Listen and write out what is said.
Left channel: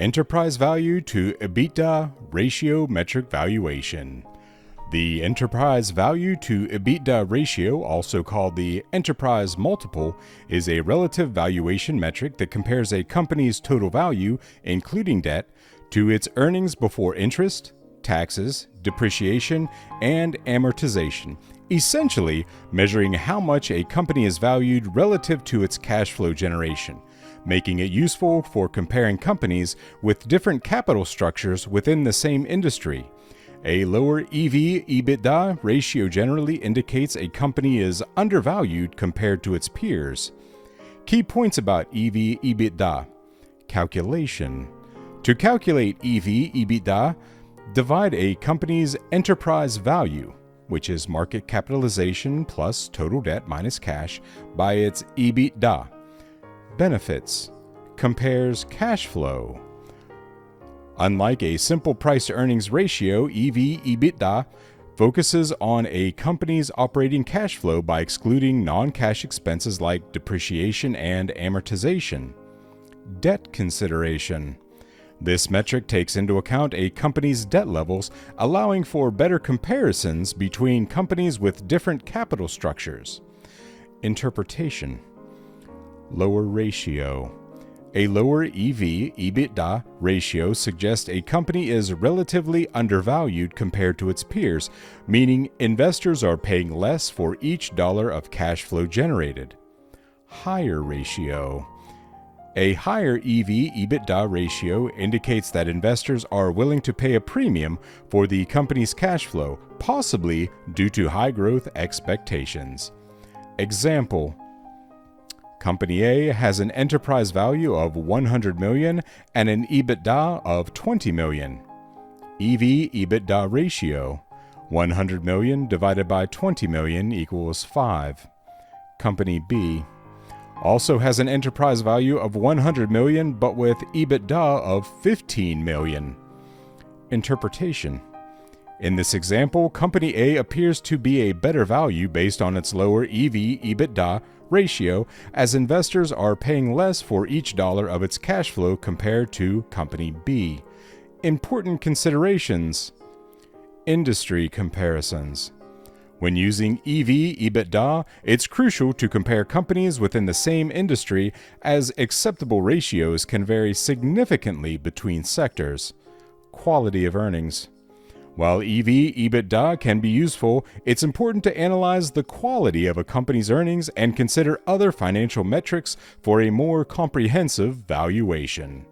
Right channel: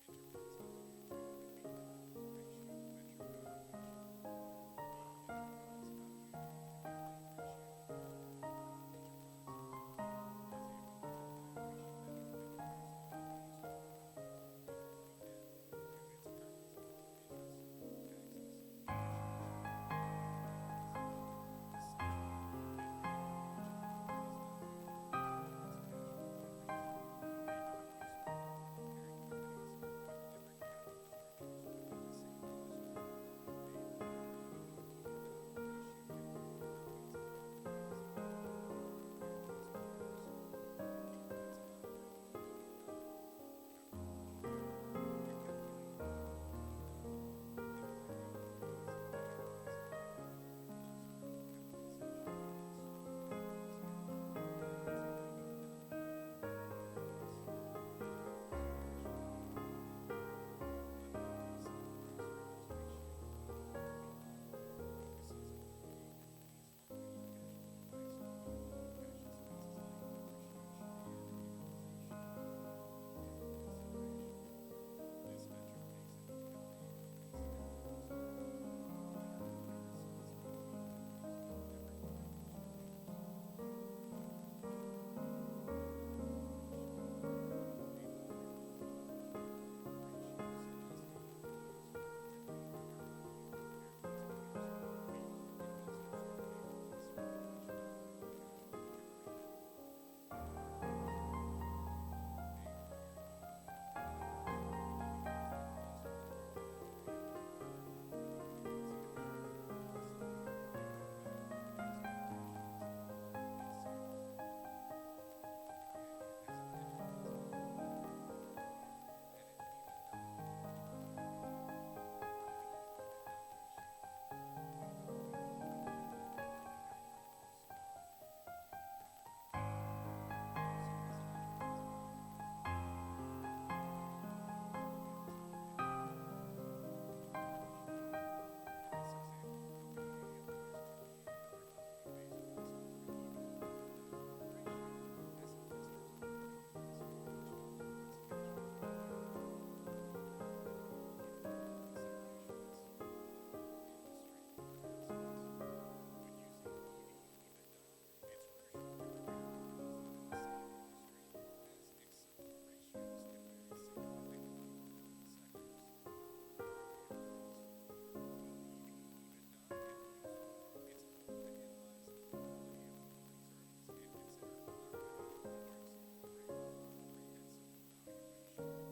Enterprise value to EBITDA ratio metric valuation. The enterprise value to EBITDA ratio, also called the enterprise multiple, is a relative valuation metric that compares a company's total value, including debt, to its earnings before interest, taxes, depreciation, and amortization, essentially measuring how much a company is valued relative to its cash flow generation, making it useful for comparing companies with different capital structures within the same industry. A lower EV/EBITDA ratio generally indicates a company is undervalued compared to its peers. Key points about EV/EBITDA. Calculation. To calculate EV/EBITDA, divide a company's enterprise value, which is market capitalization plus total debt minus cash, by its EBITDA. Benefits. Compares cash flow. Unlike a simple price-to-earnings ratio, EV/EBITDA focuses on a company's operating cash flow by excluding non-cash expenses like depreciation and amortization. Debt consideration. This metric takes into account a company's debt levels, allowing for better comparisons between companies with different capital structures. Interpretation. Lower ratio. A lower EV/EBITDA ratio suggests a company is relatively undervalued compared to its peers, meaning investors are paying less for each dollar of cash flow generated. Higher ratio. A higher EV/EBITDA ratio indicates that investors are willing to pay a premium for the company's cash flow, possibly due to high growth expectations. Example: Company A has an enterprise value of $100 million and an EBITDA of $20 million. EV/EBITDA ratio: 100 million divided by 20 million equals 5. Company B also has an enterprise value of 100 million but with EBITDA of 15 million. Interpretation. In this example, Company A appears to be a better value based on its lower EV/EBITDA ratio, as investors are paying less for each dollar of its cash flow compared to Company B. Important considerations. Industry comparisons. When using EV/EBITDA, it's crucial to compare companies within the same industry, as acceptable ratios can vary significantly between sectors. Quality of earnings. While EV/EBITDA can be useful, it's important to analyze the quality of a company's earnings and consider other financial metrics for a more comprehensive valuation.